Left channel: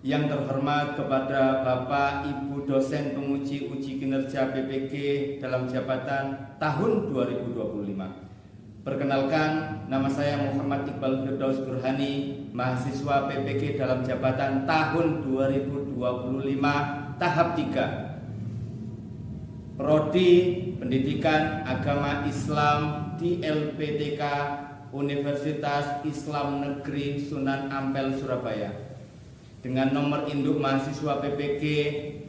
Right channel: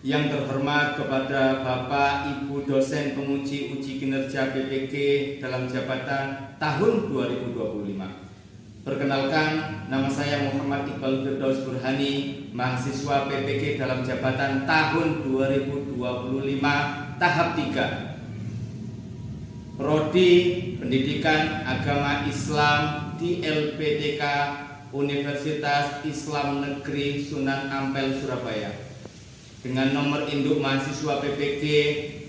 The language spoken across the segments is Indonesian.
Yang terhormat kepada Bapak Ibu dosen penguji uji kinerja BPG dalam jabatan tahun 2025. Perkenalkan, nama saya Muhammad Iqbal Firdaus Burhani, mahasiswa BPG dalam jabatan tahun 2025 tahap 3. Prodi Pendidikan Agama Islam di LPTK Universitas Islam Negeri Sunan Ampel Surabaya. Dengan nomor induk mahasiswa PPG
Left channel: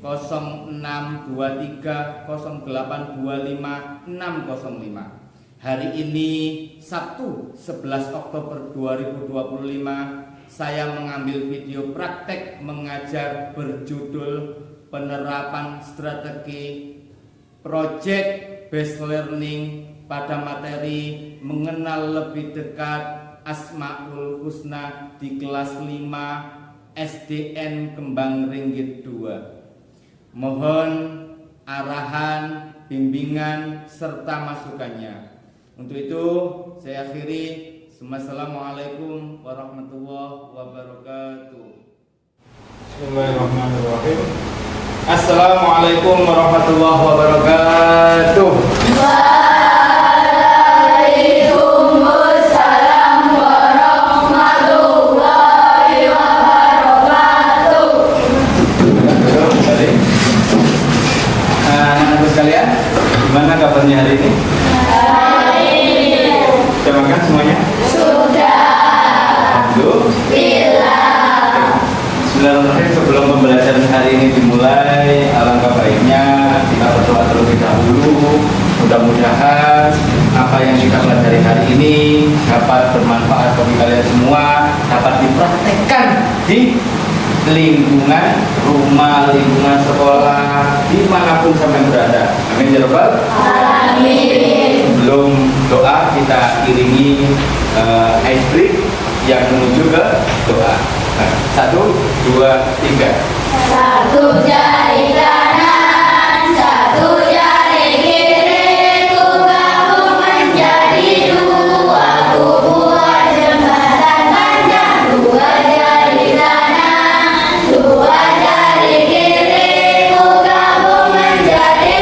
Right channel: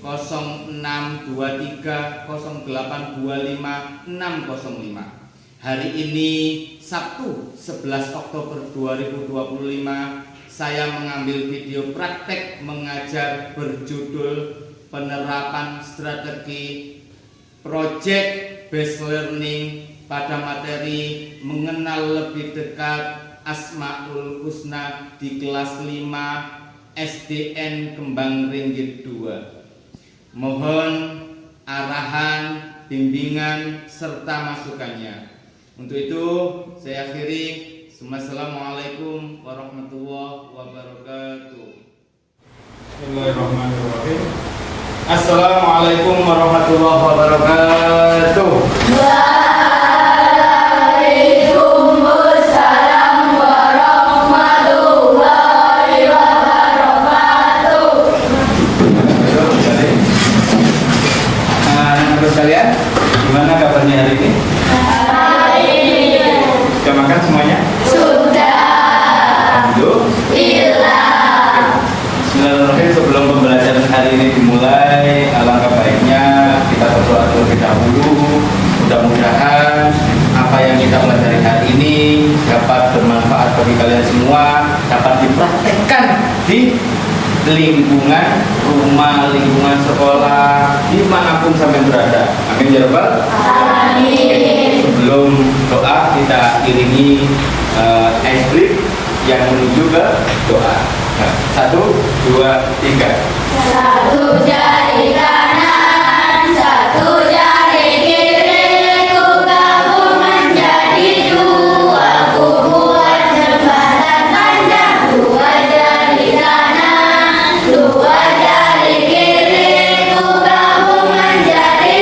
0623082565. Hari ini Sabtu 11 Oktober 2025 saya mengambil video praktek mengajar berjudul penerapan strategi Project Based Learning pada materi mengenal lebih dekat Asmaul Husna di kelas 5 SDN Kembang Ringgit 2. Mohon arahan, bimbingan, serta masukannya. Untuk itu saya akhiri. Assalamualaikum warahmatullahi wabarakatuh. Bismillahirrahmanirrahim. Assalamualaikum warahmatullahi wabarakatuh. Kalian gimana kabarnya hari ini? Sudah makan semuanya? Sudah. Alhamdulillah. Bismillahirrahmanirrahim. Sebelum pembelajaran hari ini dimulai, alangkah baiknya kita berdoa terlebih dahulu. Mudah-mudahan apa yang kita pelajari hari ini dapat bermanfaat bagi kalian semua, dapat dipraktekkan di lingkungan rumah, lingkungan sekolah, dimanapun sampai berada. Amin ya rabbal alamin. Sebelum doa kita iringi ice break yang menuju ke doa. 1, 2, 3. Satu jari kanan, satu jari kiri, ku gabung menjadi dua, ku buat jembatan panjang. Dua jari kanan, dua jari kiri, ku gabung menjadi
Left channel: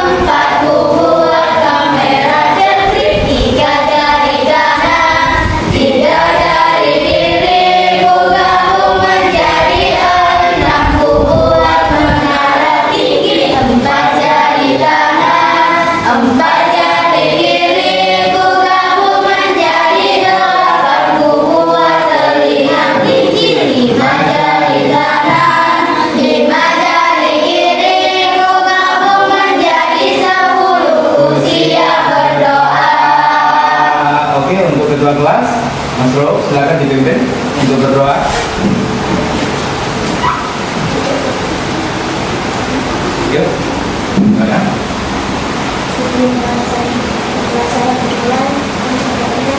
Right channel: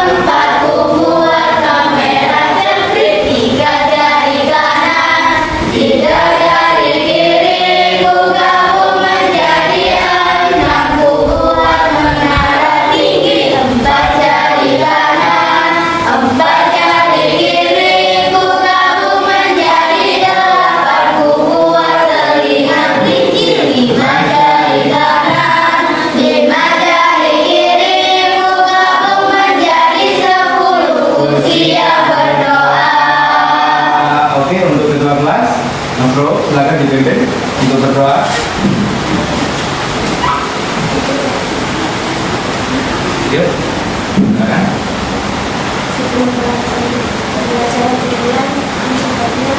empat, ku buat kamera jepit. Tiga jari kanan, tiga jari kiri, ku gabung menjadi enam, ku buat menara tinggi. Empat jari kanan, empat jari kiri, ku gabung menjadi delapan, ku buat telinga tinggi. Lima jari kanan, lima jari kiri, ku gabung menjadi 10, ku siap berdoa. Oke, untuk ketua kelas, Mas Bro, silakan dipimpin untuk berdoa. Yuk, silakan. Sebelum pembelajaran dimulai, sebaiknya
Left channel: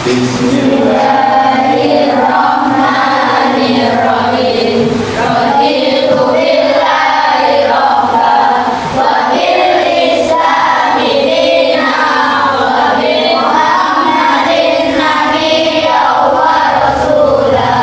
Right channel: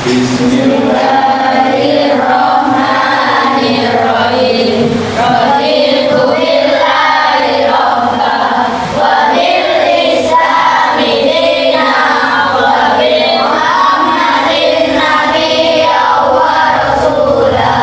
Bismillahirrahmanirrahim. Raditu billahi rabba wa bil islami dinan wa bi Muhammadin nabiyyan wa rasulah.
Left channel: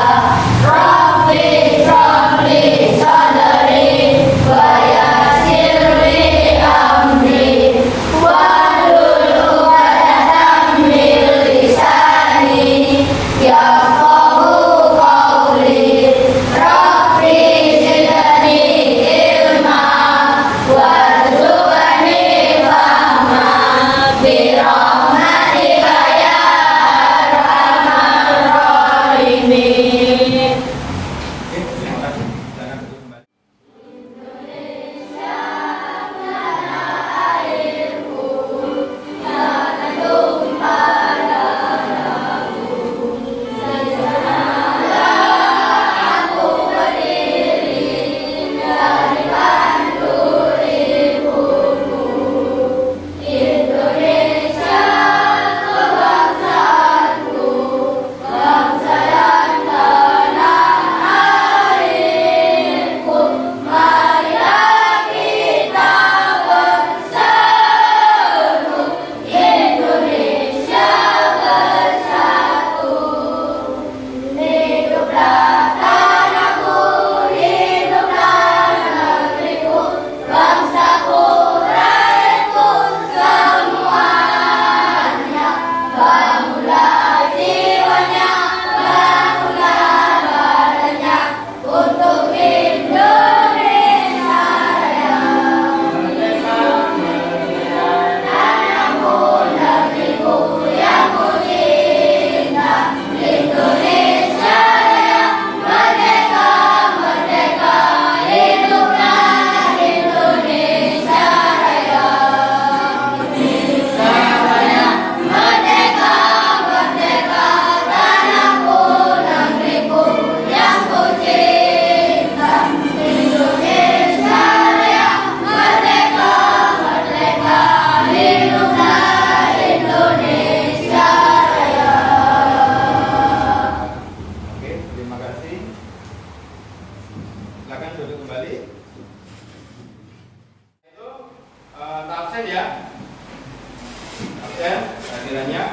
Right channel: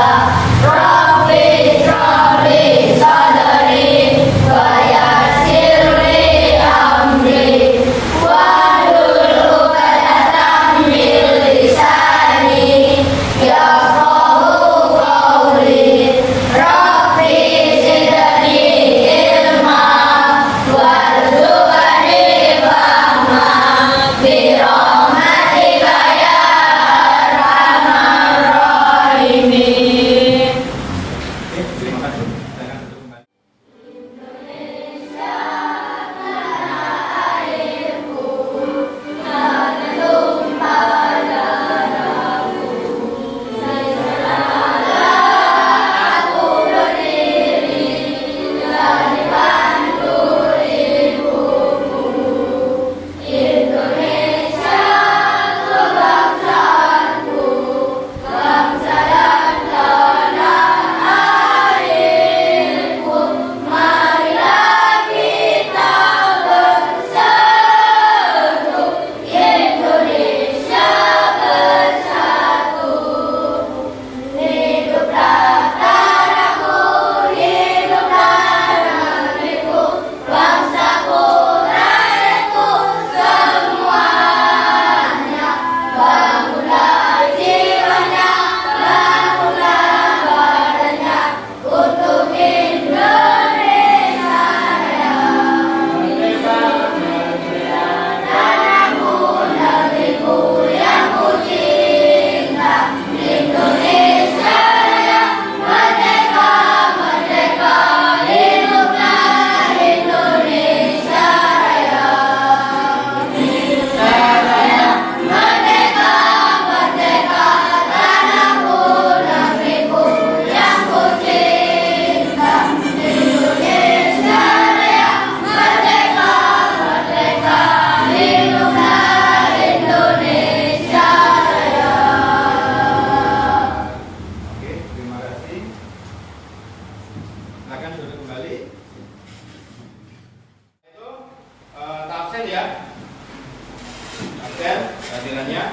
Dosen kehadirannya.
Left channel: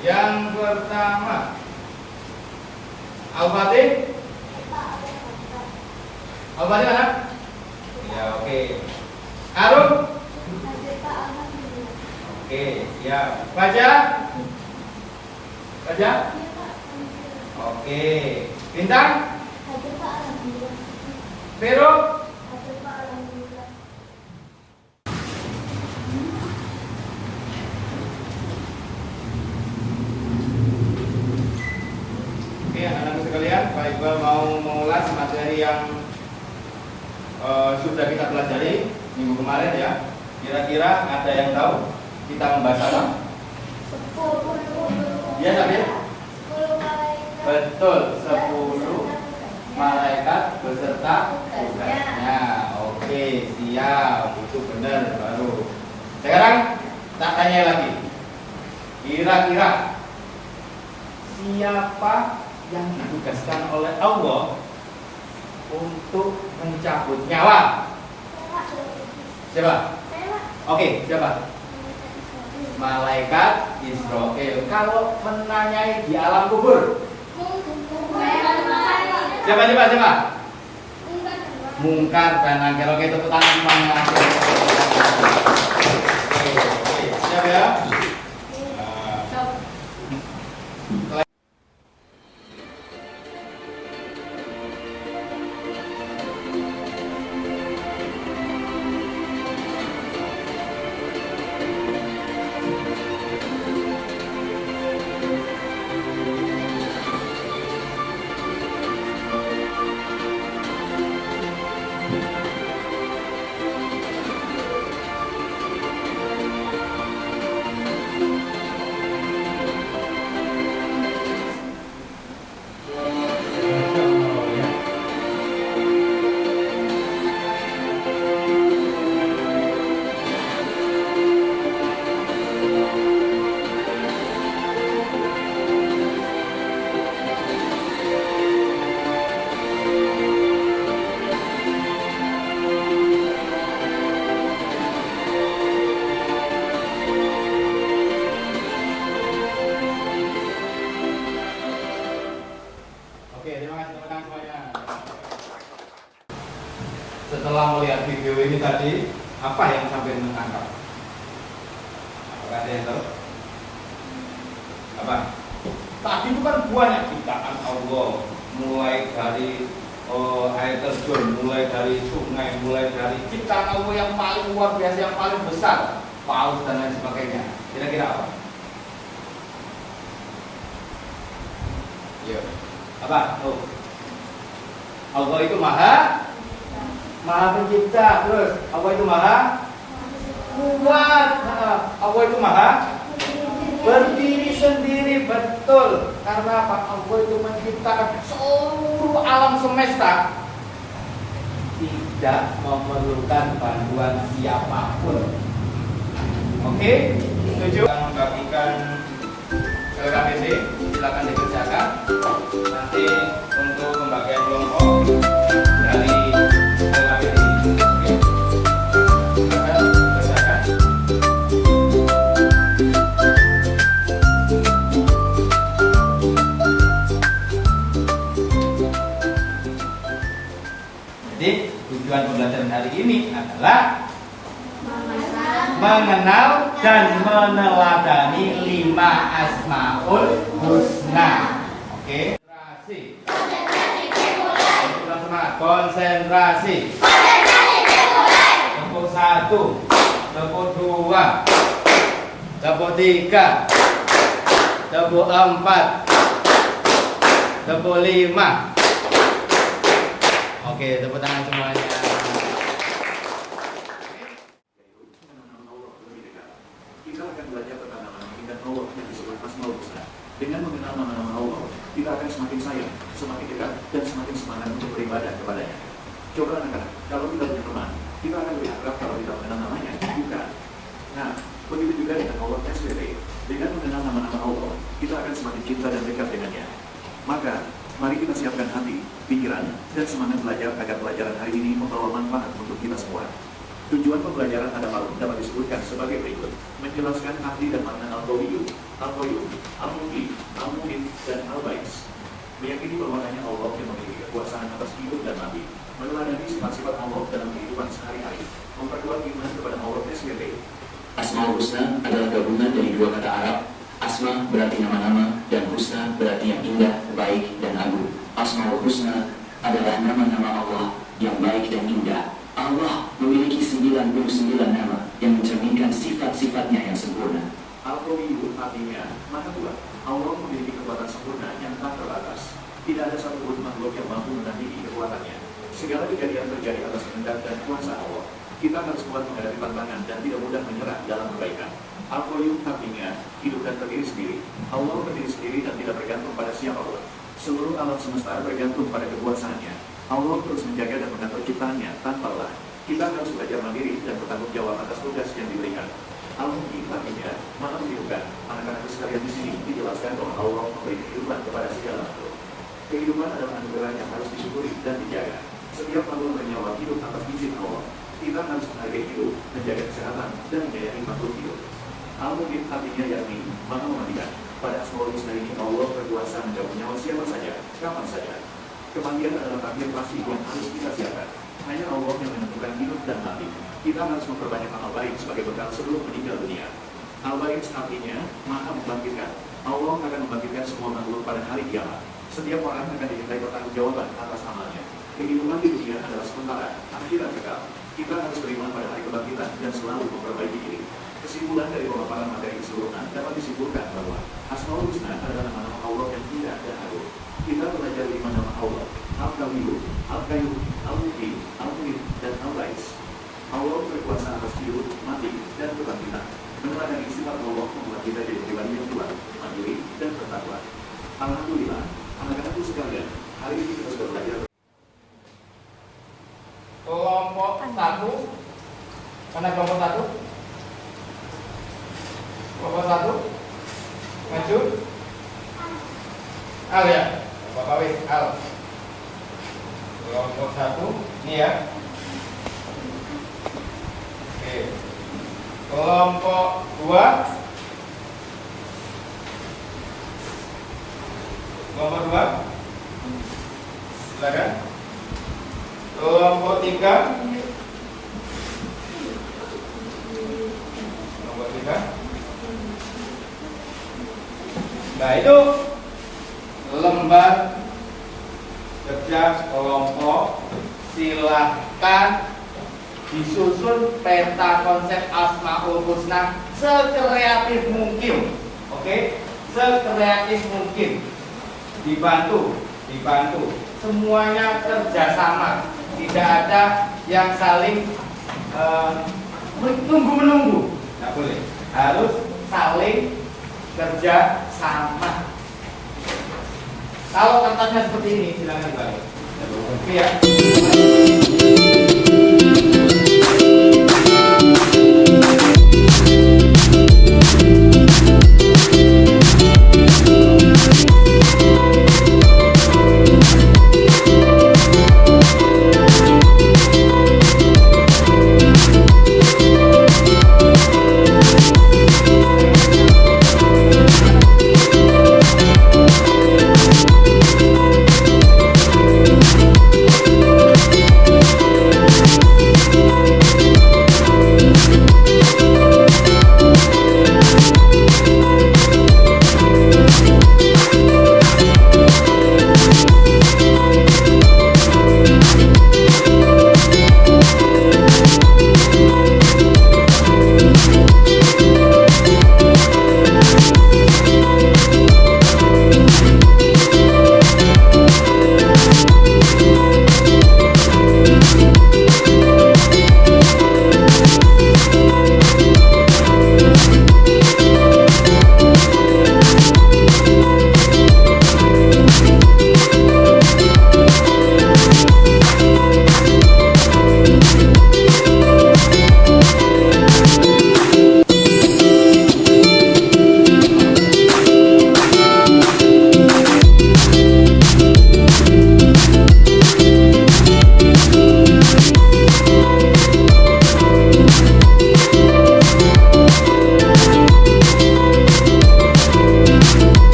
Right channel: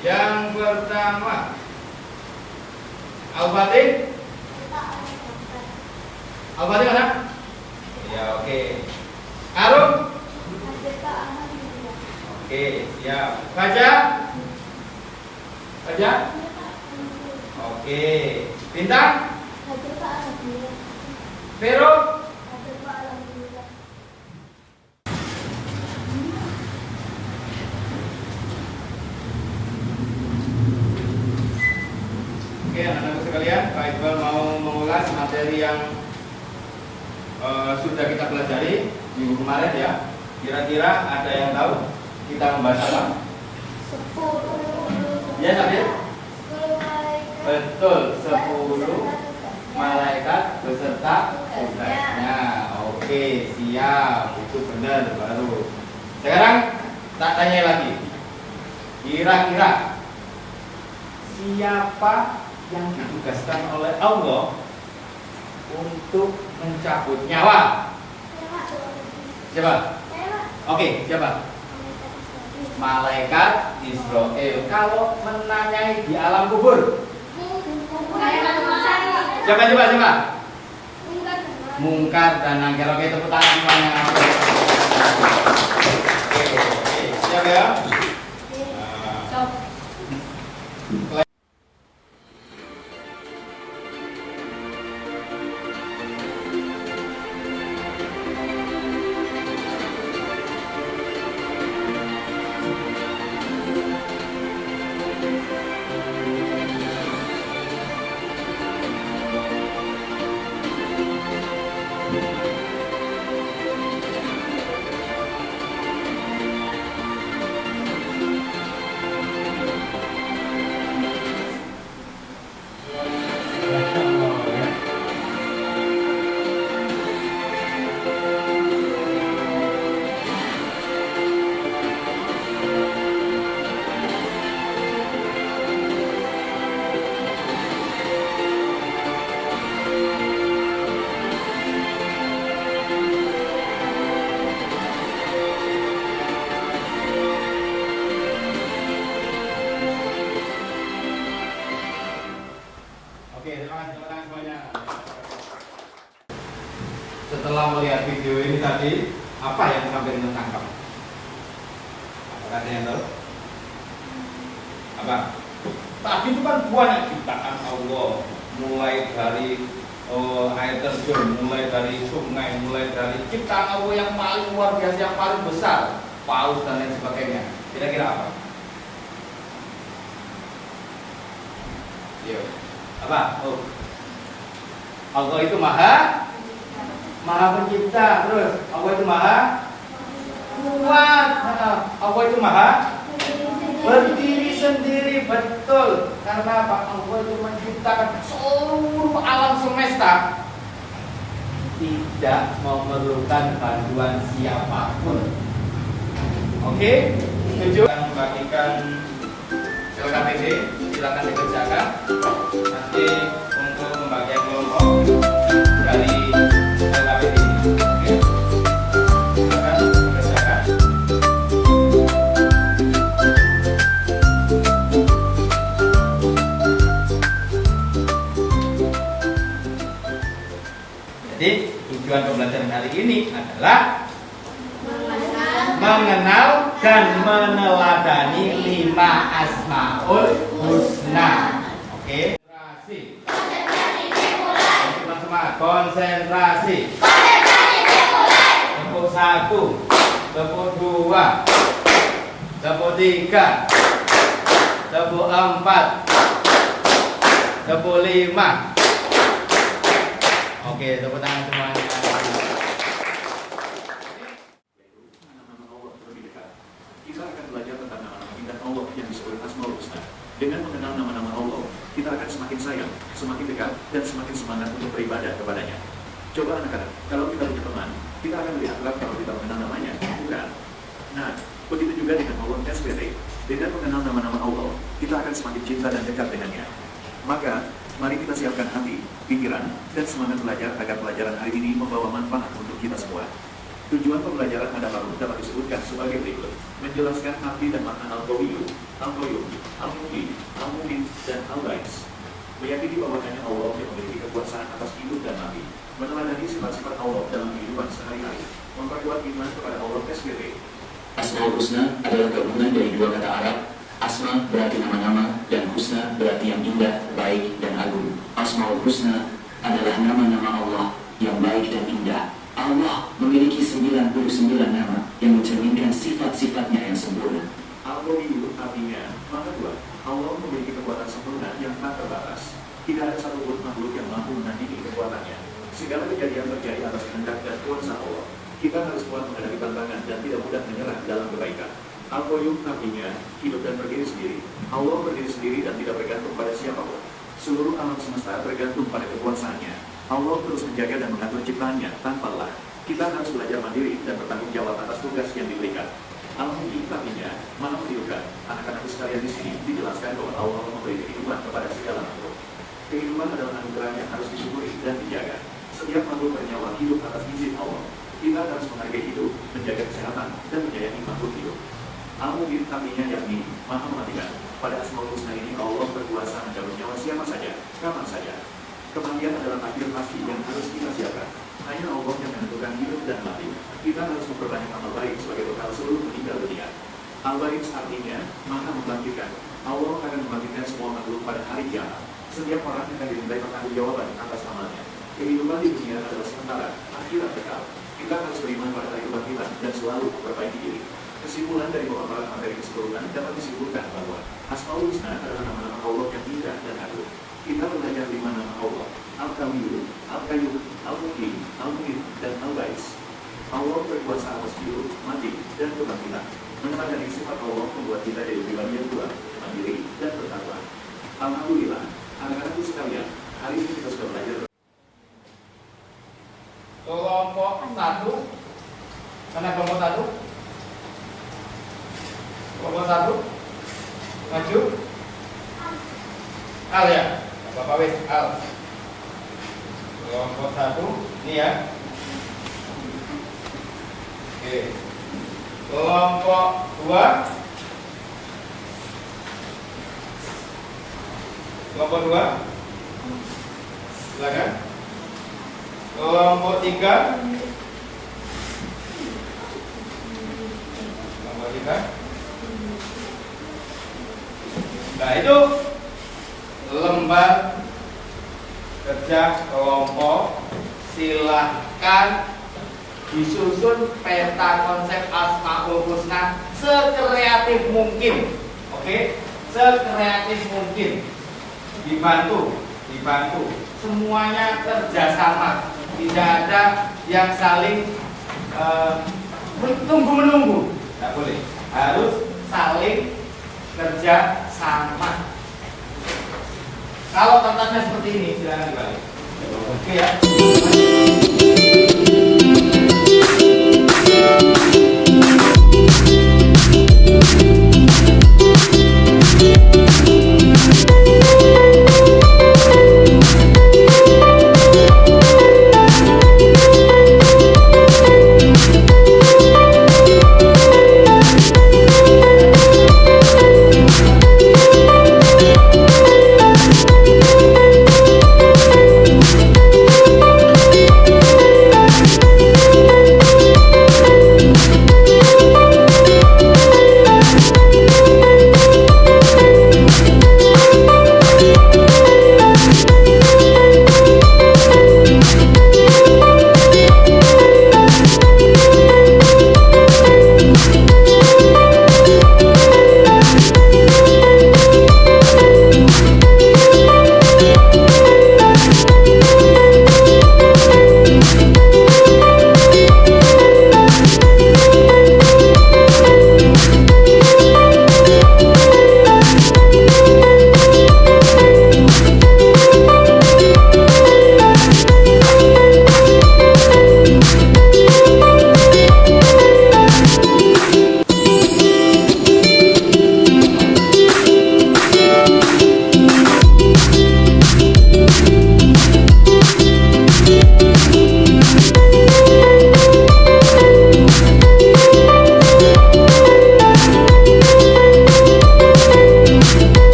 Yang pertama, Al-Fatih. Al-Fatih mana? Ya, oke. Arun. Oke, ya. Baca. Baca. Oke. Bintang. Vero. Oke, anak-anak sekalian, Pak Iqbal mau mengulas materi yang sudah kita pelajari minggu kemarin ya. Kira-kira ada yang tahu kita membahas apa? Ya, tapi betul, 10 malaikat beserta tugasnya. Oke, siap, itu benar baru. Sekarang tak tanya lagi. Kira-kira siapa yang ditugaskan oleh Allah untuk mencabut nyawa? Siapa? Oke, siapa? Malaikat Israel. Kalau menanyai di alam kubur, siapa? Mungkar dan Nakir. Oke, tepuk tangan semuanya. Oke, siap ya? Setelah melihat video ini tadi, apa yang sampai menangkap? Apakah ada yang tahu? Apa? Tadi itu kan banyak ciptaan Allah, mulai dari air terjun, mulai dari sungai, mulai dari ciptaan Allah yang paling luar biasa, yang paling besar, paus dan lain sebagainya. Kira-kira apa? Iya. Apa? Oh. Allah itu maha pencipta, terus Allah itu maha kuat, Allah itu maha berdiri sendiri, betul. Karena apa? Allah itu menciptakan seluruh alam semesta, tidak memerlukan bantuan siapapun. Oke, setuju? Kita membagikan LKPD, silakan dikerjakan. Nanti untuk pembagian kelompok dari LKPD ini, oke? Silakan dikerjakan. Jadi tujuan pembelajaran hari ini adalah mengenal dan meneladani 5 asmaul husna. Oke. Konsentrasi. Tepuk 1, tepuk 2, tepuk 3, tepuk 4, tepuk 5. Oke, tepuk tangan semuanya. Kita akan belajar tentang nama-nama dan Allah yang disebut Asmaul Husna. Dengan mengenal nama-nama Allah, kita akan semakin sayang, semakin dekat, dan semakin semangat untuk beribadah kepadanya. Coba anak-anak, kalau kita punya teman, kita akan dianggap kalau kita mengenal namanya, bukan? Nah, begitu juga dengan Allah SPT. Dengan mengenal nama-nama Allah, kita akan semakin cinta dan dekat dengannya. Maka, mari kita siapkan hati, pikiran, dan semangat belajar agar pelajaran hari ini membawa manfaat untuk kita semua. Tujuan pembelajaran pada malam dapat disebutkan sebagai berikut: menjelaskan arti dan makna al-qawiyyun, al-qayyum, al-mughith, al-mughith, dan al-ba'is. Meyakini bahwasanya Allah yang memiliki kekuasaan atas hidup dan mati, meneladani sifat-sifat Allah dalam kehidupan sehari-hari, memperkuat iman kepada Allah SBB. Asmaul Husna adalah gabungan dari dua kata Arab. Asma berarti nama-nama dan husna berarti yang indah, baik, dan agung. Asmaul Husna adalah nama-nama Allah yang baik dan indah. Allah memiliki 99 nama yang mencerminkan sifat-sifatnya yang sempurna. Al-qawiyyun artinya Maha Kuat. Allah memiliki kekuatan sempurna yang tak terbatas. Tidak ada satupun makhluk yang mampu menandingi kekuatannya. Segala kejadian terjadi atas kehendak dan kuasa Allah. Kita harus kuat menghadapi tantangan dan tidak mudah menyerah dalam kebaikan. Al-qayyum artinya hidup dan berdiri sendiri. Allah berdiri sendiri dan tidak bergantung pada siapapun. Seluruh alam semesta bergantung pada kekuasaannya. Allah terus menjaga dan mengatur ciptaannya tanpa lelah. Kita harus belajar mandiri dan bertanggung jawab atas tugas yang diberikan. Al-Mughith artinya Maha menghidupkan. Anak-anak sekalian di sini dijelaskan bahwa Allah memberi kehidupan kepada segala makhluk. Kehidupan adalah anugerah yang harus disyukuri dan dijaga. Setiap makhluk bernyawa hidup atas izin Allah. Kita harus menghargai hidup, menjaga kesehatan, dan menyayangi makhluk hidup. Al-Mughith artinya yakni Maha mematikan. Pada Asmaul Husna ini Allah berkuasa mencabut nyawa siapa saja, kapan saja. Kematian adalah takdir pasti yang harus kita siapkan. Hanya Allah yang menentukan hidup dan mati. Kita harus memperbanyak amal baik sebagai bekal sebelum meninggal dunia. Al-Ba'is artinya Maha membangkitkan. Allah akan membangkitkan semua makhluk pada hari kiamat. Setiap orang akan dimintai pertanggungjawaban atas amalnya. Kehidupan di dunia adalah sementara, akhirat kekal. Kita harus beriman pada hari kebangkitan dan selalu memperbaiki diri. Kesimpulan dari pemaparan materi keseluruhan dapat disimpulkan bahwa Asmaul Husna adalah nama-nama Allah yang indah dan agung. Kita belajar 5 nama Allah: Al-Qawiyyun, Al-Qayyum, Al-Mughith, Al-Mughith, dan Al-Ba'is. Allah berkuasa atas hidup, mati, dan kebangkitan. Menyadari sifat Allah membuat kita jadi pribadi yang kuat, mandiri, dan bertakwa. Alhamdulillah, anak-anakku sekalian, hari ini kita sudah belajar. Kelompok 1. Mana kelompok 1? Kelompok 1. Maju. Al ya. Bapak wis Al. Kelompok 1 ini ya. Oke. Kelompok 2. Kelompok 2. Silakan. Kelompok 3. Kelompok 3. Nah itu lembar kerja kelompok. Silahkan disusun peta konsep Asmaul Husna sekreatif mungkin. Oke, sekreatif mungkin. Dibantu. Semuanya kerjasama. Tidak ada yang saling menunggu. Tidak boleh. Harus saling kerja sama. Kalau kertasnya seperti ini, silakan dibalik. Oke ya.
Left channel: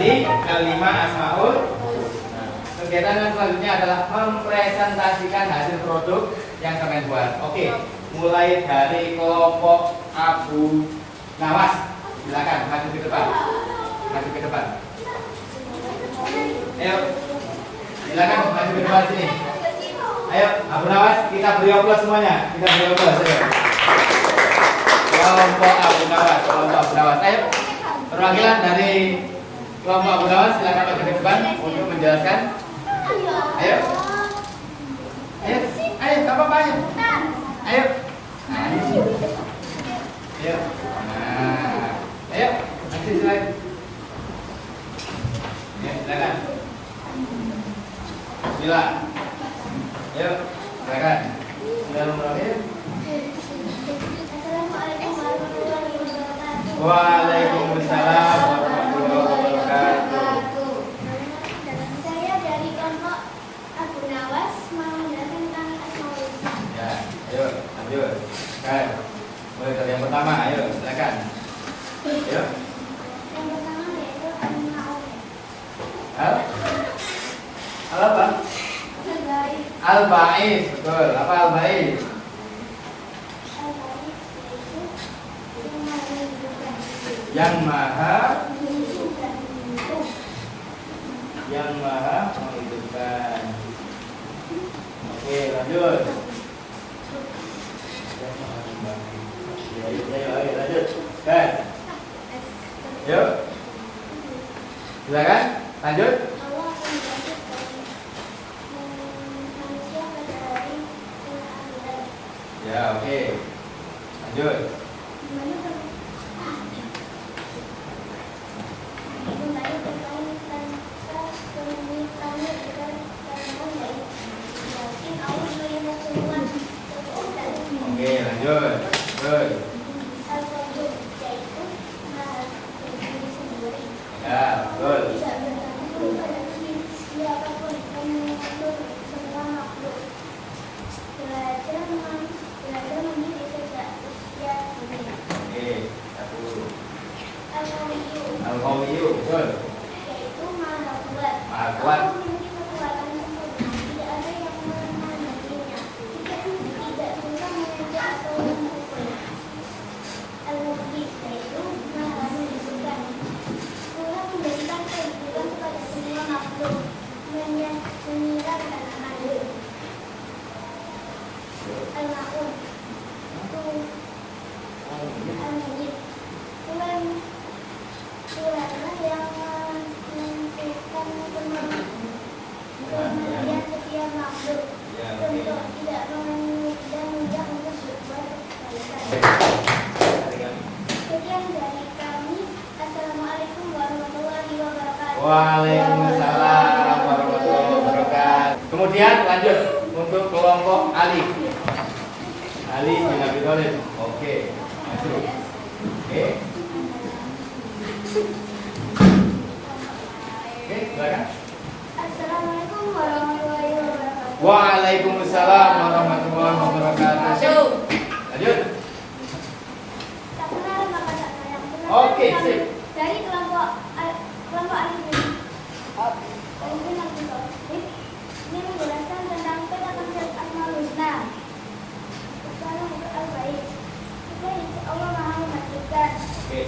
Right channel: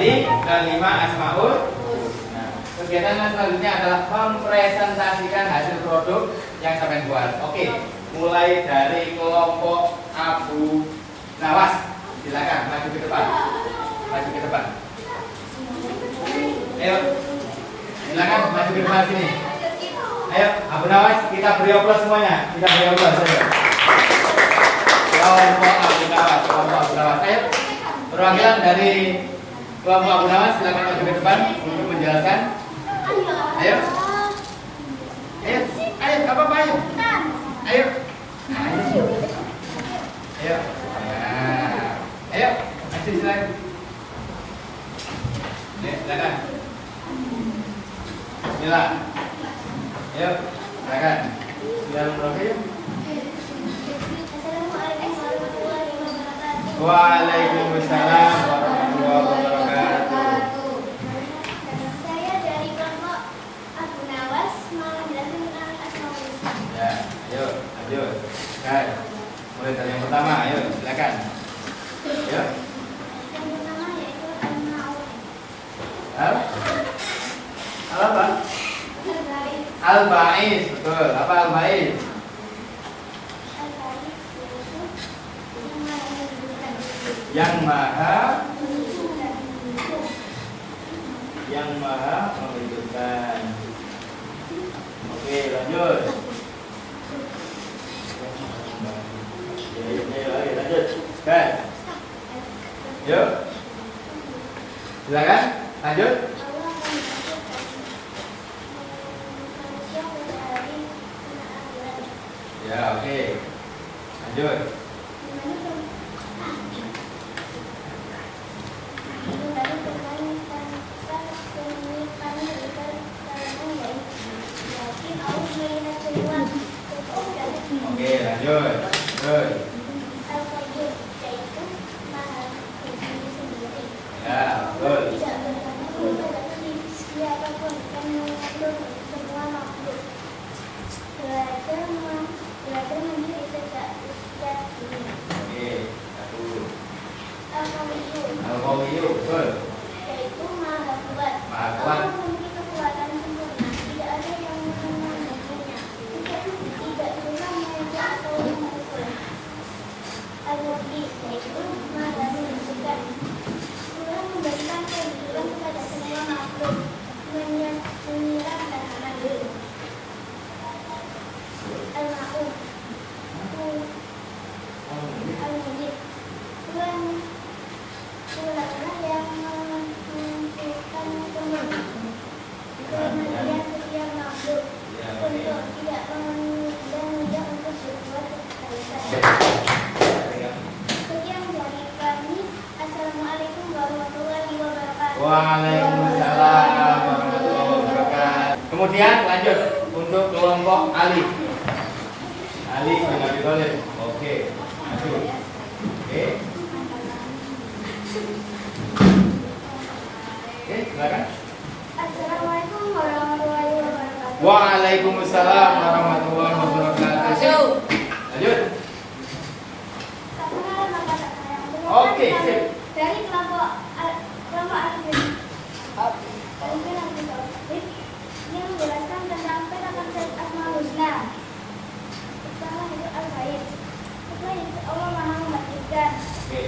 Tadi kelima Asmaul. Nah, kegiatan yang selanjutnya adalah mempresentasikan hasil produk yang sampai buat. Oke, mulai dari kelompok Abu Nawas. Silakan maju ke depan. Maju ke depan. Ayo. Silakan maju ke depan sini. Ayo, Abu Nawas, kita beri aplaus semuanya. Kita beri aplaus. Ayo. Kelompok Abu Nawas, kelompok Abu Nawas. Ayo. Perwakilan dari kelompok Abu Nawas silakan maju ke depan untuk menjelaskan. Ayo. Ayo. Ayo, apa-apa ayo. Ayo. Ayo. Nah. Ayo, aksi slide. Silakan. Mila. Ayo, silakan. Bismillahirrahmanirrahim. Assalamualaikum warahmatullahi wabarakatuh. Waalaikumsalam warahmatullahi wabarakatuh. Saya dari kelompok Abu Nawas mau menjelaskan tentang Asmaul Husna. Ya, ayo, lanjut. Kan. Mulai dari yang pertama, ayo, silakan. Ayo. Yang pertama yaitu Al-Ma'un. Al apa? Al-Baik. Al-Ba'is, betul. Apa Al-Ba'is? Al-Baik yaitu yang maha menghidupkan. Yang maha Menghidupkan. menghidupkan. Oke, lanjut. Ya, lanjut. Kan? Yuk. Silakan, lanjut. Allah akan membangkitkan manusia pada hari akhirat. Ya, oke. Lanjut. Oke, lanjut. Terus. Ya, betul. Tidak bergantung pada siapapun yang mengatur semua makhluk. Belajar mandiri sejak usia dini. Oke, satu. Al-Qawiyyu Al-Qawiyyu, betul. yaitu maha kuat. Maha kuat. Allah memiliki kekuatan sempurna. Tidak ada yang menandinginya. Tidak bisa mengejar atau memukul. Al-Muhyi yaitu maha menentukan. Allah memberikan kehidupan kepada semua makhluk, menyiram dan mengambil. Al-Ma'un Al-Muhyi Tuhanlah yang menentukan kematian setiap makhluk untuk tidak dan mudah untuk berbuat kebaikan. Sekian dari kami. Assalamualaikum warahmatullahi wabarakatuh. Waalaikumsalam warahmatullahi wabarakatuh. Kemudian lanjut untuk kelompok Ali. Ali bin Abi Thalib. Oke, maju. Oke. Oke, silakan. Assalamualaikum warahmatullahi wabarakatuh. Waalaikumsalam warahmatullahi wabarakatuh. Lanjut. Tak kenal maka tak sayang. Oke, sip. Dari kelompok Ali bin Abi Thalib ini menjelaskan tentang penerapan Asmaul Husna. Pertama itu Al-Baik. Kedua itu Allah Maha Membangkitkan. Oke.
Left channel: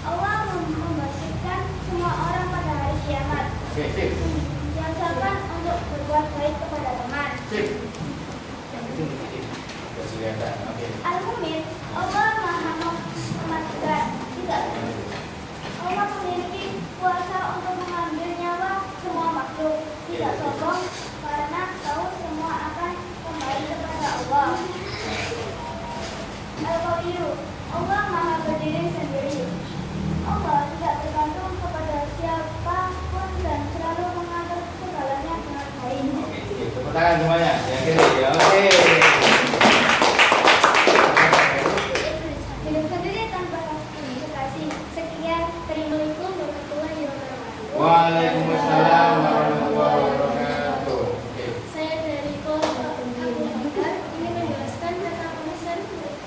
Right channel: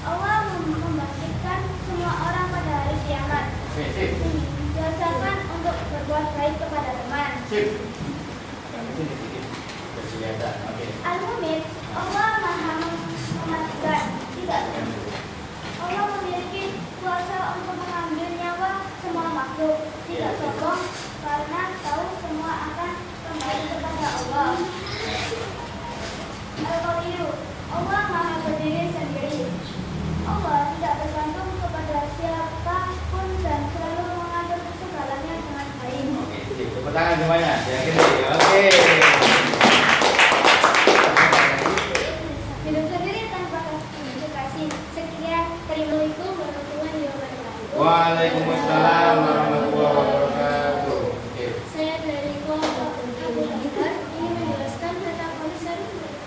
Allah membangkitkan semua orang pada hari kiamat. Oke, sip. Diwasakan untuk berbuat baik kepada teman. Sip. Kelihatan. Oke. Al-Mumin, Allah Maha Mematikan. Tidak. Allah memiliki kuasa untuk mengambil nyawa semua makhluk. Tidak sombong karena tahu semua akan kembali kepada Allah. Al-Qawiyyu, Allah Maha berdiri sendiri. Allah tidak bergantung kepada siapapun dan selalu mengatur segalanya dengan baik. Oke, sip. Tepuk tangan semuanya. Yang kiri. Ya, oke. Hidup sendiri tanpa kasih. Sekian, terima kasih warahmatullahi wabarakatuh. Waalaikumsalam warahmatullahi wabarakatuh. Oke. Saya dari kelompok Abu Bakar ini menjelaskan tentang komisar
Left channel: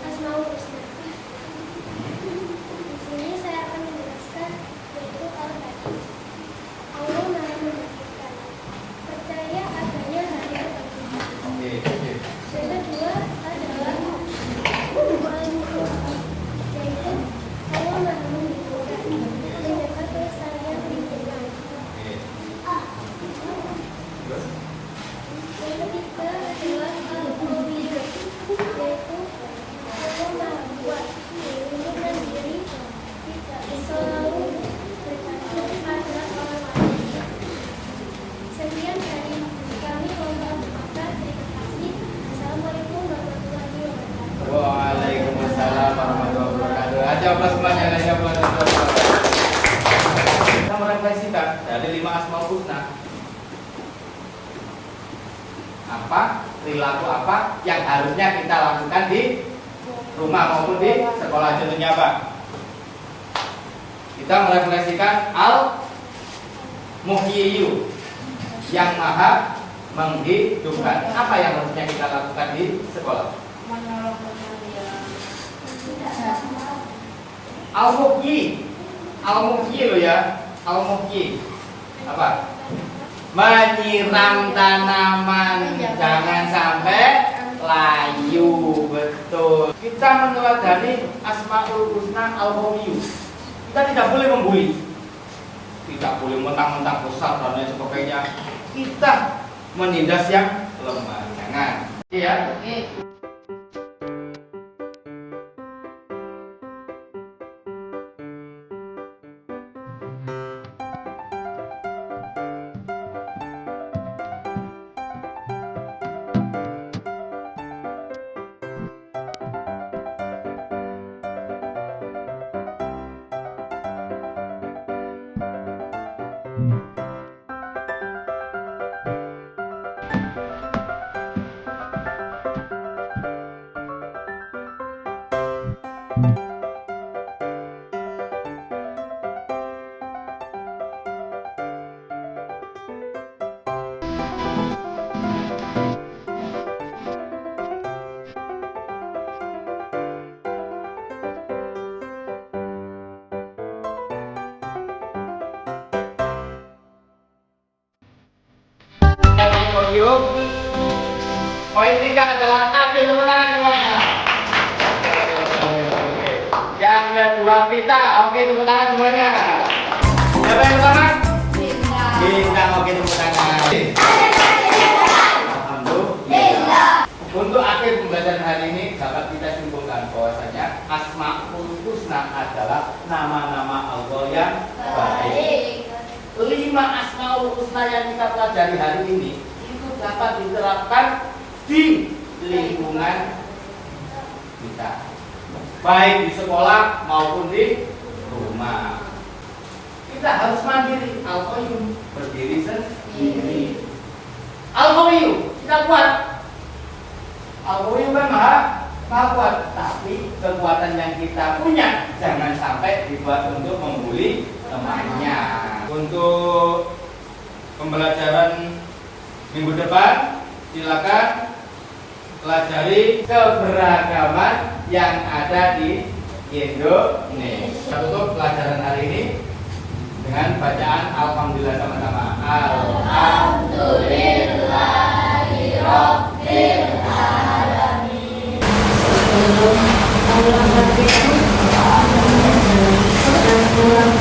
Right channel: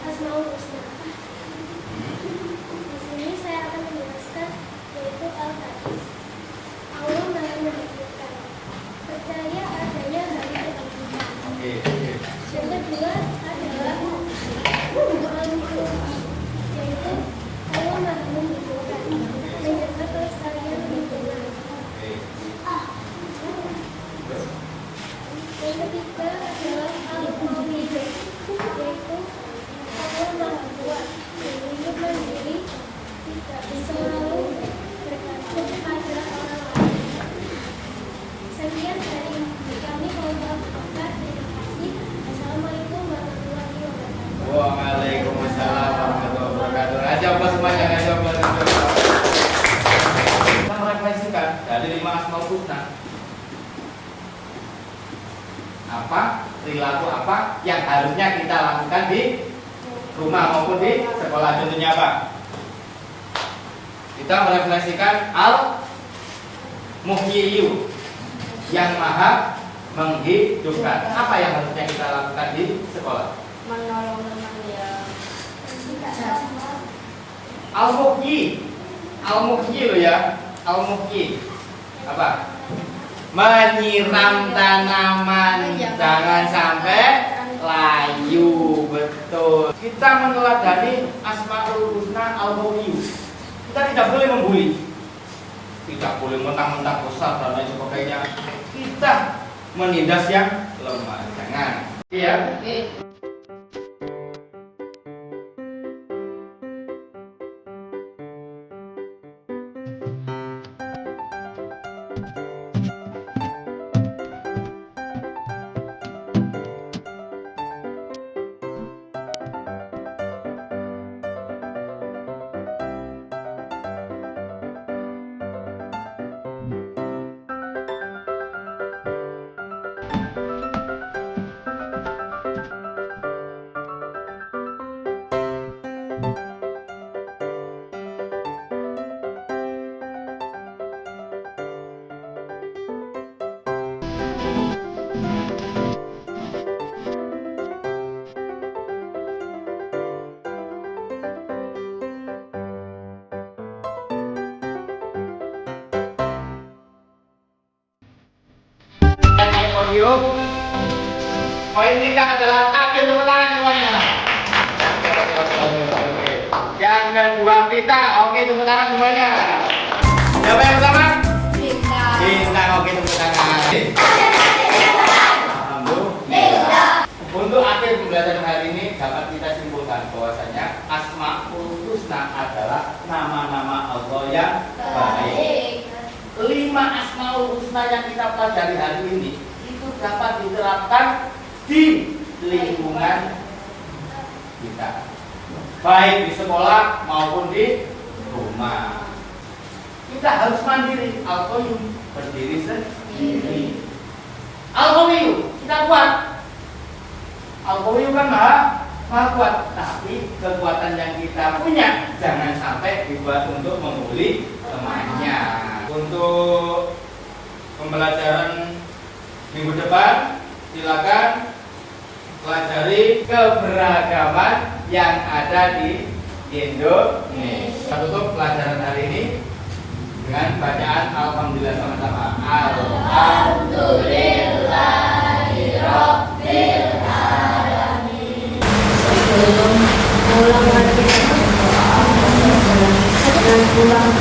Asmaul Husna. Di sini saya akan menjelaskan yaitu Al-Hadis. dari 5 Asmaul Husna? Apa perilaku apa yang harusnya kita lakukan di rumah maupun di sekolah? Contohnya apa? Kita merefleksikan Al-Muhyiyu, yang maha menghidupkan. Apa yang harusnya kita lakukan di sekolah? Menolong teman yang tidak mampu. Al-Muhyi lo ya. Al-Muhyi apa? Menyiram tanaman, jangan sampai layu. Betul. Kita meneladani Asmaul Husna Al-Muhyi. Kita tidak boleh membuli, tidak boleh mentang-mentang besar dan lain sebagainya. Kita menindas yang lemah. Jangan. Iya. Poin 3 adalah ambil tepuk tangan semuanya. Yang kedua kita, oke tepuk tangan semuanya. Siapa yang pertama? Cinta, oke tepuk tangan. Alhamdulillah. Untuk akhir pembelajaran hari ini dapat kita simpulkan bahwasanya Asmaul Husna adalah nama-nama Allah yang baik. 5 Asmaul Husna yang kita pelajari hari ini itu dapat diterapkan di lingkungan kita, baik di sekolah maupun di rumah. Kita harus mandiri. Al-Qayyum berdiri sendiri. Al-Qayyum kita kuat. Al-Qayyum kan maha kuat, tapi kekuatan yang kita punya jangan sampai dibuat untuk membuli temannya. Untuk pembelajaran minggu depan silakan pelajari keberagaman yang ada di Indonesia. Kita tutup pelajaran hari ini dengan bacaan Alhamdulillah sama-sama. Alhamdulillahirabbil alamin. Sebelum pulang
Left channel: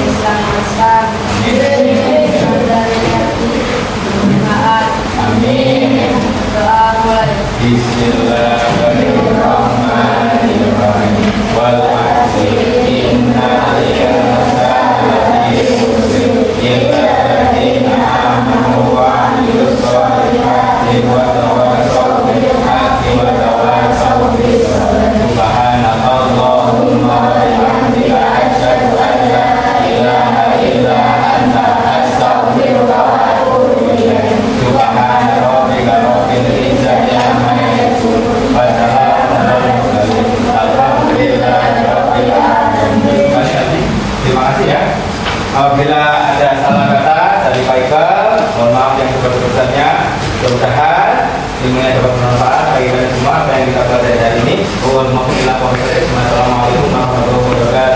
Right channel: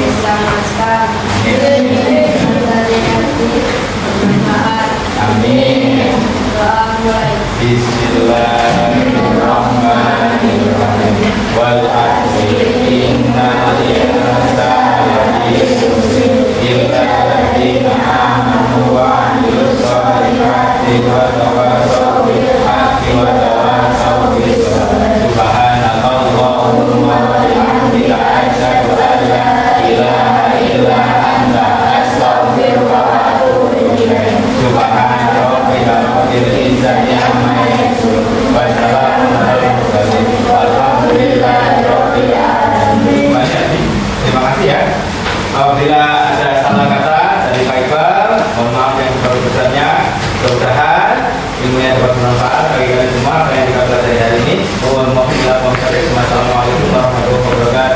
diselamatkan dari hati bermanfaat. Amin. Doa mulai. Bismillahirrahmanirrahim. Wal 'asri innal insana lafi khusr illa alladziina aamanu wa 'amilus shalihati wa tawassaw bil haqqi wa tawassaw bis sabr. Subhanallahumma wa bihamdika asyhadu an la ilaha illa anta astaghfiruka wa atubu ilaik. Subhana rabbika rabbil izzati amma yasifun wa salamun alal mursalin walhamdulillahi rabbil alamin. Terima kasih ya. Apabila ada salah kata dari Pak Iqbal, mohon maaf yang sebesar-besarnya. Mudah-mudahan ilmunya dapat bermanfaat bagi kalian semua. Apa yang kita pelajari hari ini. Assalamualaikum warahmatullahi wabarakatuh.